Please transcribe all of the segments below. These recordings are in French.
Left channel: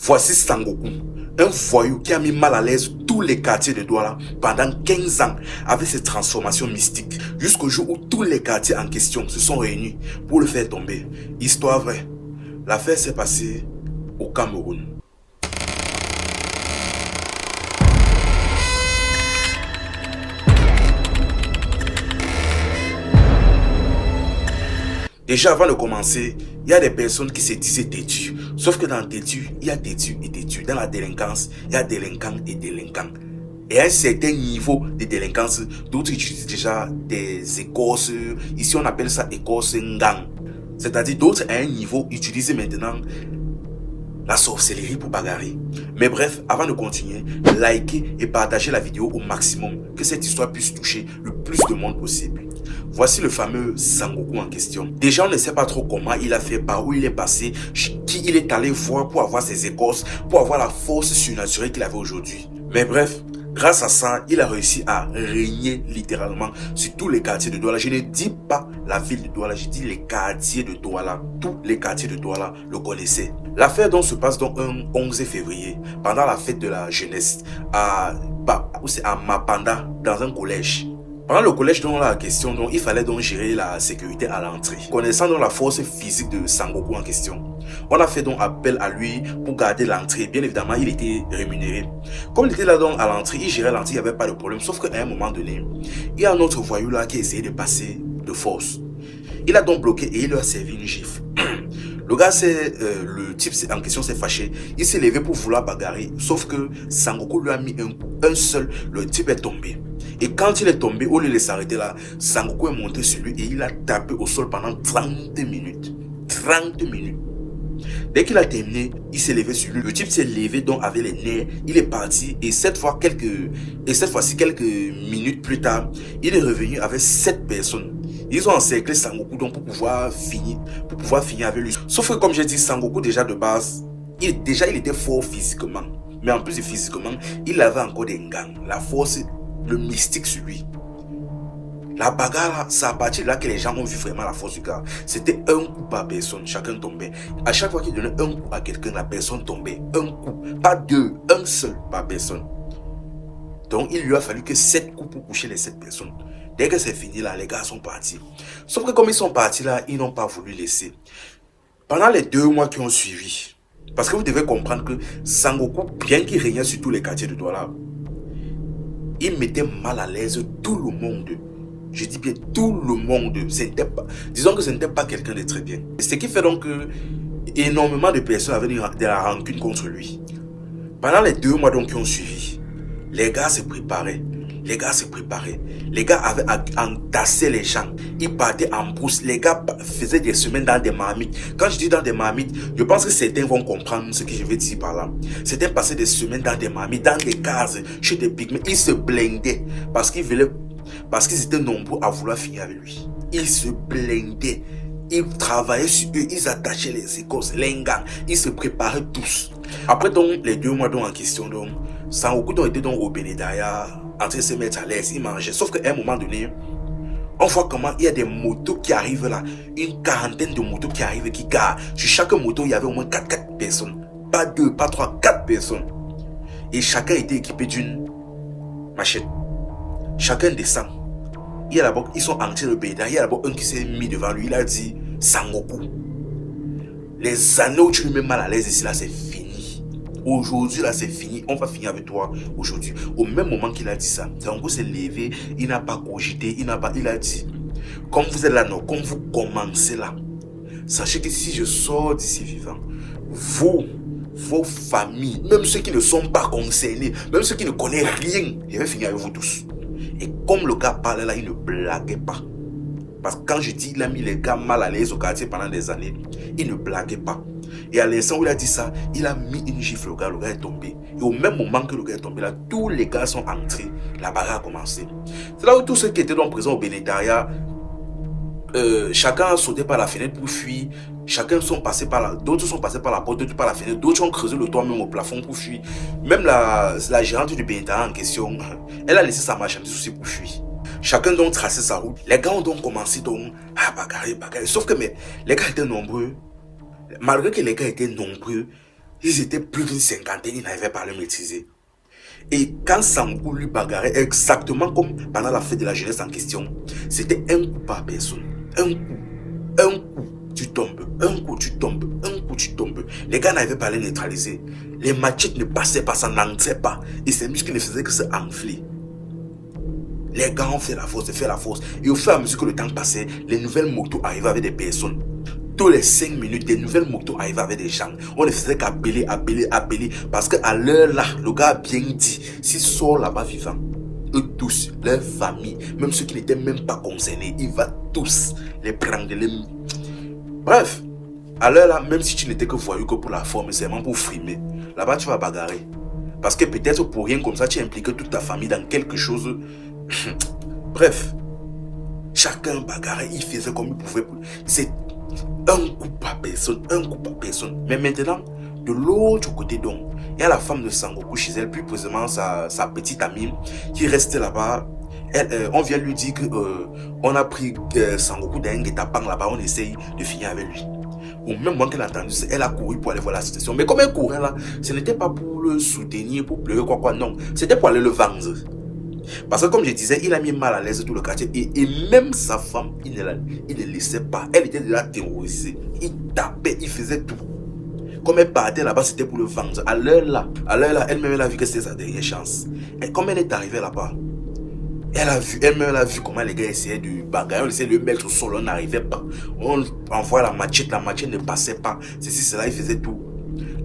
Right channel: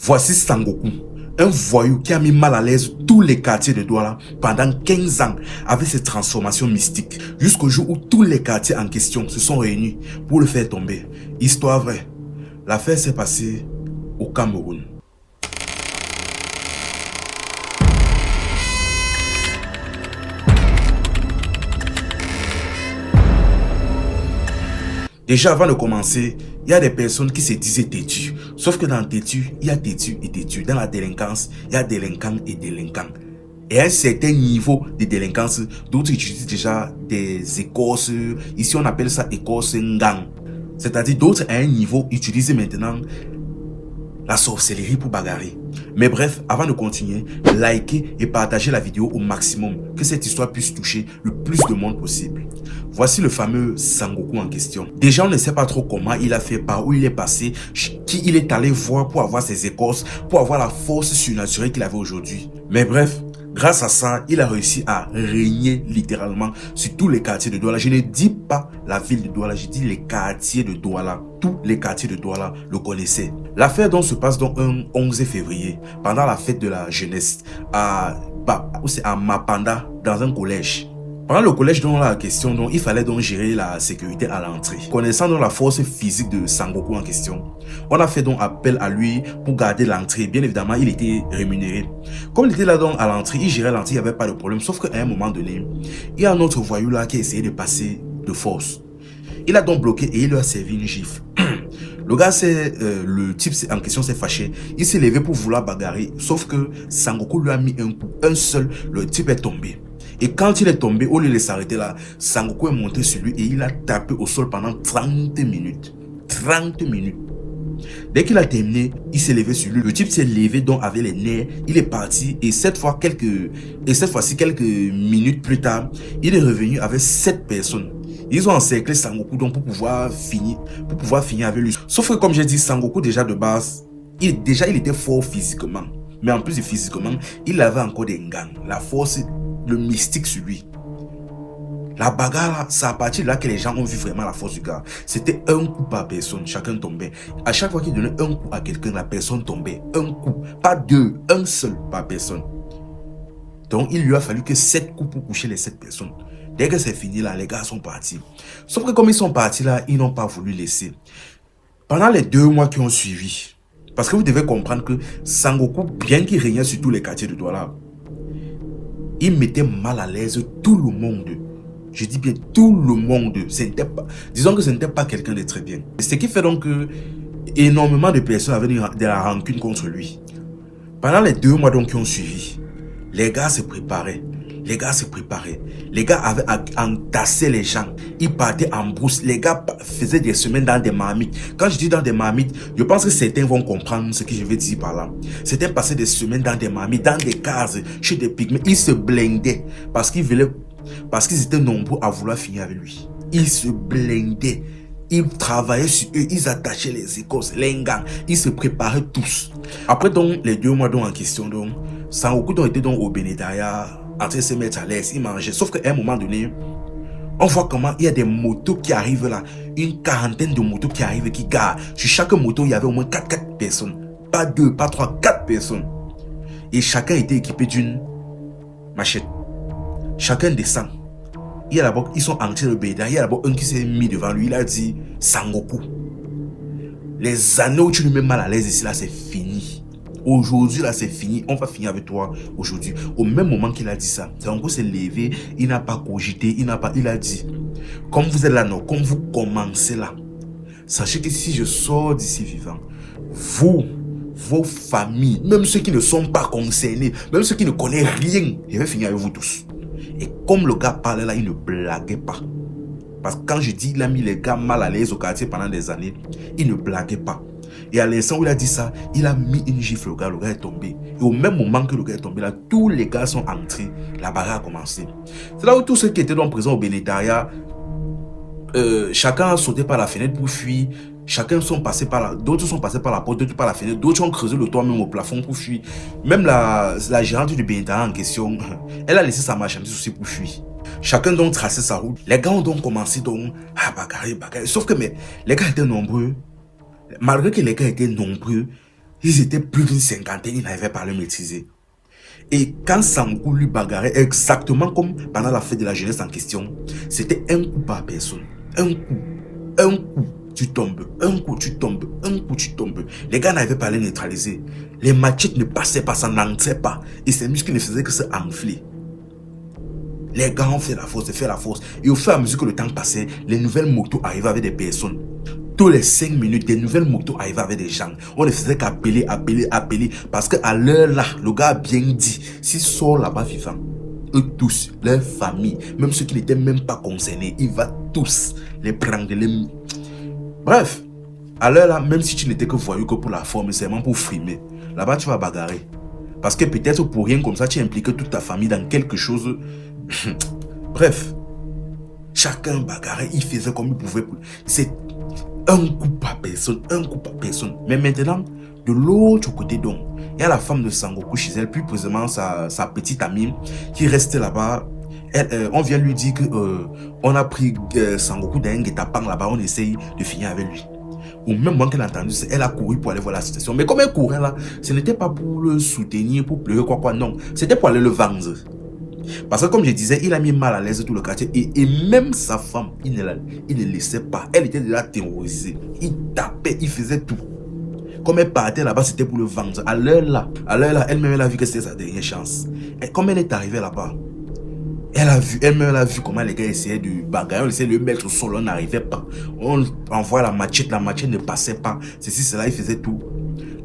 Voici Sangoku, un voyou qui a mis mal à l'aise tous les quartiers de Douala pendant 15 ans avec ses transformations mystiques, jusqu'au jour où tous les quartiers en question se sont réunis pour le faire tomber. Histoire vraie, l'affaire s'est passée au Cameroun. Déjà avant de commencer, il y a des personnes qui se disaient têtues. Sauf que dans têtu, il y a têtu et têtu. Dans la délinquance, il y a délinquant et délinquant. Et à un certain niveau de délinquance, d'autres utilisent déjà des écorces. Ici, on appelle ça écorce ngang. C'est-à-dire d'autres à un niveau utilisent maintenant la sorcellerie pour bagarrer. Mais bref, avant de continuer, likez et partagez la vidéo au maximum, que cette histoire puisse toucher le plus de monde possible. Voici le fameux Sangoku en question. Déjà, on ne sait pas trop comment il a fait, par où il est passé, qui il est allé voir pour avoir ses écorces, pour avoir la force surnaturelle qu'il avait aujourd'hui. Mais bref, grâce à ça, il a réussi à régner littéralement sur tous les quartiers de Douala. Je ne dis pas la ville de Douala, je dis les quartiers de Douala. Tous les quartiers de Douala le connaissaient. L'affaire donc se passe donc un 11 février, pendant la fête de la jeunesse, à Mapanda, dans un collège. Pendant le collège dont la question, donc, il fallait donc gérer la sécurité à l'entrée. Connaissant donc la force physique de Sangoku en question, on a fait donc appel à lui pour garder l'entrée. Bien évidemment, il était rémunéré. Comme il était là donc à l'entrée, il gérait l'entrée, il n'y avait pas de problème. Sauf qu'à un moment donné, il y a un autre voyou là qui a essayé de passer de force. Il a donc bloqué et il lui a servi une gifle. Le gars, le type en question s'est fâché. Il s'est levé pour vouloir bagarrer. Sauf que Sangoku lui a mis un coup, un seul. Le type est tombé. Et quand il est tombé, au lieu de s'arrêter là, Sangoku est monté sur lui et il a tapé au sol pendant 30 minutes. 30 minutes. Dès qu'il a terminé, il s'est levé sur lui. Le type s'est levé donc avec les nerfs. Il est parti et cette fois-ci, quelques minutes plus tard, il est revenu avec 7 personnes. Ils ont encerclé Sangoku donc pour pouvoir finir avec lui. Sauf que comme j'ai dit, Sangoku déjà de base, il était fort physiquement. Mais en plus de physiquement, il avait encore des gangs. La force, le mystique sur lui. La bagarre, c'est à partir de là que les gens ont vu vraiment la force du gars. C'était un coup par personne, chacun tombait. À chaque fois qu'il donnait un coup à quelqu'un, la personne tombait. Un coup, pas deux, un seul par personne. Donc il lui a fallu que 7 coups pour coucher les 7 personnes. Dès que c'est fini là, les gars sont partis. Sauf que comme ils sont partis là, ils n'ont pas voulu laisser. Pendant les 2 mois qui ont suivi, parce que vous devez comprendre que Sangoku, bien qu'il régnait sur tous les quartiers de Douala, il mettait mal à l'aise tout le monde. Je dis bien tout le monde. Disons que ce n'était pas quelqu'un de très bien. Ce qui fait donc que énormément de personnes avaient de la rancune contre lui. Pendant les 2 mois donc qui ont suivi, les gars se préparaient. Les gars avaient entassé les gens. Ils partaient en brousse. Les gars faisaient des semaines dans des marmites. Quand je dis dans des marmites, je pense que certains vont comprendre ce que je vais dire par là. Certains passaient des semaines dans des marmites, dans des cases, chez des pygmées. Ils se blindaient parce qu'ils étaient nombreux à vouloir finir avec lui. Ils se blindaient. Ils travaillaient sur eux, ils attachaient les écorces, les gangs, ils se préparaient tous. Après donc les 2 mois donc en question, donc Sangoku donc était donc au Bénédaya, en train de se mettre à l'aise, il mangeait. Sauf qu'à un moment donné, on voit comment il y a des motos qui arrivent là, une quarantaine de motos qui arrivent, qui garent. Sur chaque moto, il y avait au moins 4 personnes. Pas 2, pas 3, 4 personnes. Et chacun était équipé d'une machette. Chacun descend. Il y a d'abord, ils sont entrés de Béda. Il y a d'abord un qui s'est mis devant lui. Il a dit Sangoku, les années où tu nous mets mal à l'aise ici, là, c'est fini. Aujourd'hui, là, c'est fini. On va finir avec toi aujourd'hui. Au même moment qu'il a dit ça, Sangoku s'est levé. Il n'a pas cogité. Il a dit, comme vous êtes là, non, comme vous commencez là, sachez que si je sors d'ici vivant, vous, vos familles, même ceux qui ne sont pas concernés, même ceux qui ne connaissent rien, je vais finir avec vous tous. Et comme le gars parlait là, il ne blaguait pas. Parce que quand je dis il a mis les gars mal à l'aise au quartier pendant des années, il ne blaguait pas. Et à l'instant où il a dit ça, il a mis une gifle au gars, le gars est tombé. Et au même moment que le gars est tombé là, tous les gars sont entrés, la bagarre a commencé. C'est là où tous ceux qui étaient donc présents au Bénétariat, chacun a sauté par la fenêtre pour fuir. D'autres sont passés par la porte, d'autres par la fenêtre, d'autres ont creusé le toit même au plafond pour fuir. Même la gérante du Bénétariat en question, elle a laissé sa marchandise aussi pour fuir. Chacun donc traçait sa route. Les gars ont donc commencé donc à bagarrer. Sauf que les gars étaient nombreux. Malgré que les gars étaient nombreux, Ils étaient plus d'une cinquantaine, ils n'arrivaient pas à le maîtriser. Et quand Sangoku lui bagarrait, exactement comme pendant la fête de la jeunesse en question, c'était un coup par personne. Un coup, tu tombes, un coup, tu tombes, un coup, tu tombes. Les gars n'arrivaient pas à les neutraliser. Les machettes ne passaient pas, ça n'entrait pas. Et ces muscles ne faisaient que se enfler. Les gars ont fait la force, Et au fur et à mesure que le temps passait, les nouvelles motos arrivaient avec des personnes. Tous les 5 minutes, des nouvelles motos arrivaient avec des gens. On ne faisait qu'appeler. Parce qu'à l'heure là, le gars a bien dit, s'il sort là-bas vivant, eux tous, leur famille, même ceux qui n'étaient même pas concernés, il va tous les prendre. Bref, à l'heure là, même si tu n'étais que voyou que pour la forme, c'est vraiment pour frimer. Là-bas, tu vas bagarrer. Parce que peut-être pour rien comme ça, tu impliques toute ta famille dans quelque chose. Bref, chacun bagarrait, il faisait comme il pouvait. C'est un coup par personne, Mais maintenant, de l'autre côté donc, il y a la femme de Sangoku chez elle, plus précisément sa petite amie qui reste là-bas. On vient lui dire que on a pris Sangoku d'un guet-apens là-bas, on essaye de finir avec lui. Ou même moi qu'elle a entendu, elle a couru pour aller voir la situation. Mais comme elle courait là, ce n'était pas pour le soutenir, pour pleurer, quoi, non. C'était pour aller le vendre. Parce que comme je disais, il a mis mal à l'aise tout le quartier. Et même sa femme, il ne laissait pas. Elle était déjà terrorisée. Il tapait, il faisait tout. Comme elle partait là-bas, c'était pour le vendre. À l'heure là, elle-même elle a vu que c'était sa dernière chance. Et comme elle est arrivée là-bas, elle-même a vu comment les gars essayaient de bagarrer. On essayait de le mettre au sol, on n'arrivait pas. On envoyait la machette ne passait pas. Ceci, cela, il faisait tout.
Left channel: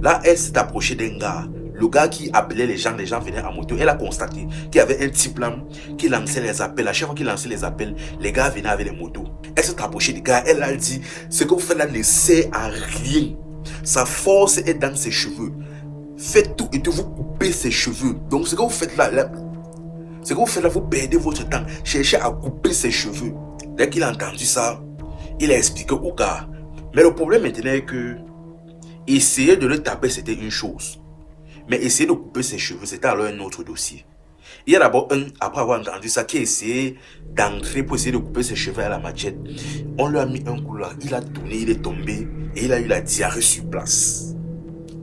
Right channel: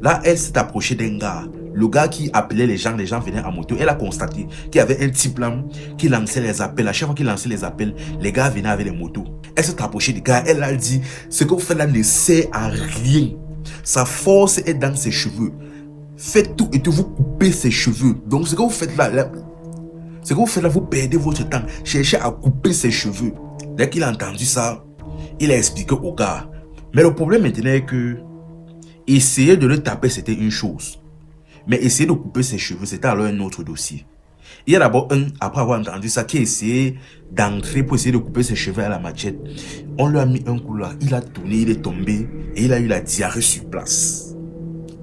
Là, elle s'est approchée d'un gars. Le gars qui appelait les gens venaient en moto. Elle a constaté qu'il y avait un type là qui lançait les appels. À chaque fois qu'il lançait les appels, les gars venaient avec les motos. Elle s'est approchée du gars. Elle a dit, ce que vous faites là ne sert à rien. Sa force est dans ses cheveux. Faites tout et tout, vous coupez ses cheveux. Donc ce que vous faites là, vous perdez votre temps. Cherchez à couper ses cheveux. Dès qu'il a entendu ça, il a expliqué au gars. Mais le problème maintenant est que essayer de le taper, c'était une chose. Mais essayer de couper ses cheveux, c'était alors un autre dossier. Il y a d'abord après avoir entendu ça, qui a essayé d'entrer pour essayer de couper ses cheveux à la machette. On lui a mis un coup là, il a tourné, il est tombé et il a eu la diarrhée sur place.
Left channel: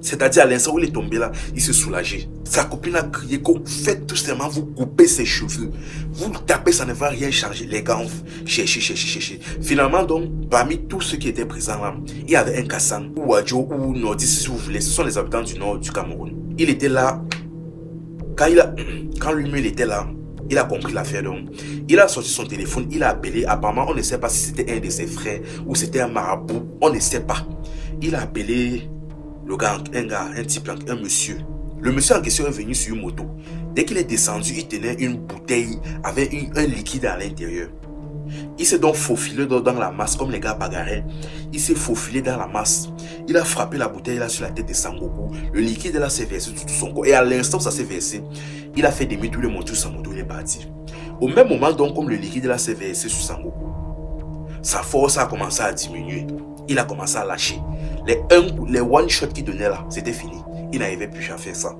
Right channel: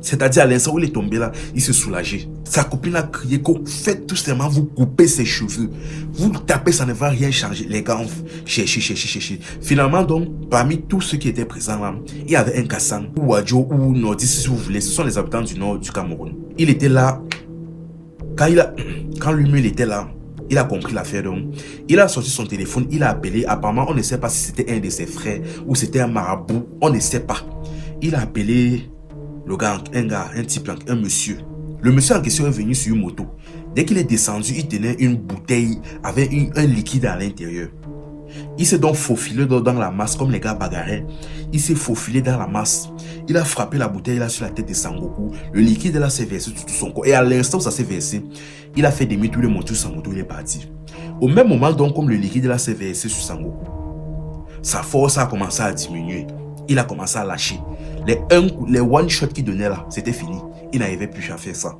C'est-à-dire à l'instant où il est tombé là, il s'est soulagé. Sa copine a crié que faites tout simplement vous couper ses cheveux. Vous tapez, ça ne va rien changer. Les gars ont cherché. Finalement donc, parmi tous ceux qui étaient présents là, il y avait un Kassan, ou Wadjo, ou Nordis si vous voulez. Ce sont les habitants du nord du Cameroun. Il était là. Quand lui-même était là, il a compris l'affaire donc. Il a sorti son téléphone, il a appelé. Apparemment, on ne sait pas si c'était un de ses frères ou c'était un marabout. On ne sait pas. Il a appelé le gars, un type, un monsieur. Le monsieur en question est venu sur une moto. Dès qu'il est descendu, il tenait une bouteille avec un liquide à l'intérieur. Il s'est donc faufilé dans la masse, comme les gars bagarraient. Il s'est faufilé dans la masse. Il a frappé la bouteille là sur la tête de Sangoku. Le liquide là s'est versé sur tout son corps. Et à l'instant où ça s'est versé, il a fait demi-tour, le moto, Sangoku, il est parti. Au même moment donc, comme le liquide là s'est versé sur Sangoku, sa force a commencé à diminuer. Il a commencé à lâcher. Les one-shot qu'il donnait là, c'était fini. Il n'arrivait plus à faire ça.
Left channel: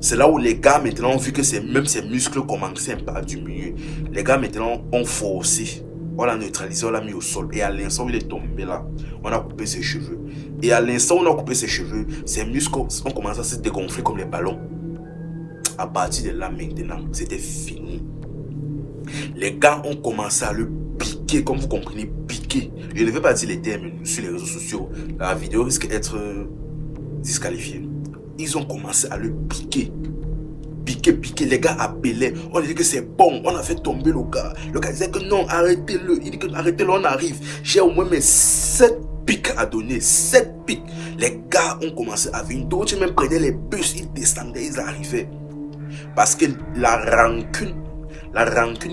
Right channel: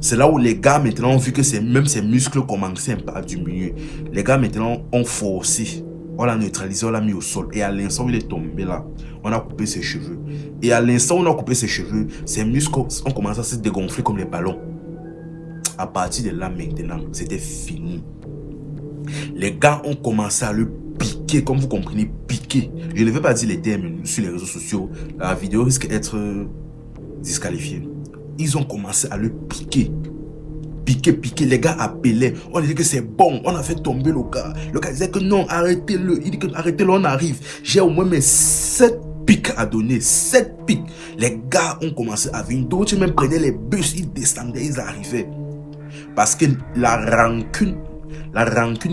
C'est là où les gars maintenant ont vu que même ses muscles commençaient un peu à diminuer. Les gars maintenant ont forcé. On l'a neutralisé, on l'a mis au sol. Et à l'instant où il est tombé là, on a coupé ses cheveux. Et à l'instant où on a coupé ses cheveux, ses muscles ont commencé à se dégonfler comme les ballons. À partir de là maintenant, c'était fini. Les gars ont commencé à le piquer, comme vous comprenez, piquer. Je ne vais pas dire les termes sur les réseaux sociaux. La vidéo risque d'être disqualifiée. Ils ont commencé à le piquer. Piquer. Les gars appelaient. On disait que c'est bon. On a fait tomber le gars. Le gars disait que non, arrêtez-le. Il dit que arrêtez-le, on arrive. J'ai au moins mes 7 pics à donner. 7 pics. Les gars ont commencé à venir. D'autres même prenaient les bus. Ils descendaient, ils arrivaient. Parce que la rancune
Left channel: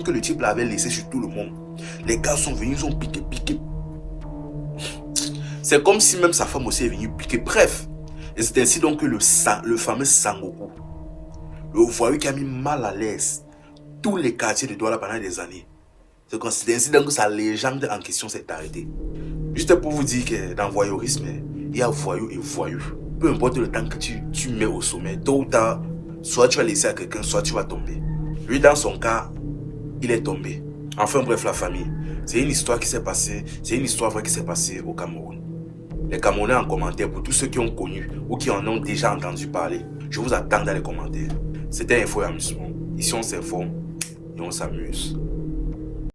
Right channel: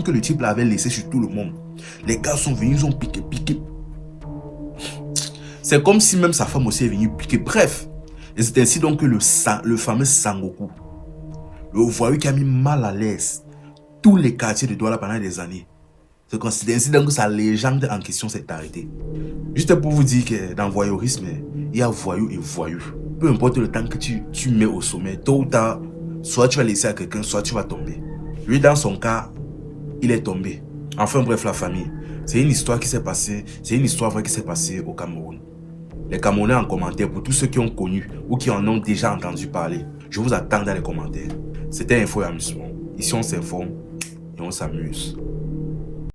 que le type avait laissée sur tout le monde. Les gars sont venus, ils ont piqué. C'est comme si même sa femme aussi est venue piquer. Bref. Et c'est ainsi donc que le fameux Sangoku, le voyou qui a mis mal à l'aise tous les quartiers de Douala pendant des années. C'est ainsi donc que sa légende en question s'est arrêtée. Juste pour vous dire que dans le voyeurisme, il y a voyou et voyou. Peu importe le temps que tu mets au sommet, tôt ou tard, soit tu vas laisser à quelqu'un, soit tu vas tomber. Lui, dans son cas, il est tombé. Enfin bref, la famille. C'est une histoire qui s'est passée, c'est une histoire vraie qui s'est passée au Cameroun. les Camerounais en commentaire, pour tous ceux qui ont connu ou qui en ont déjà entendu parler. Je vous attends dans les commentaires. C'était Info et Amusement. Ici, on s'informe et on s'amuse.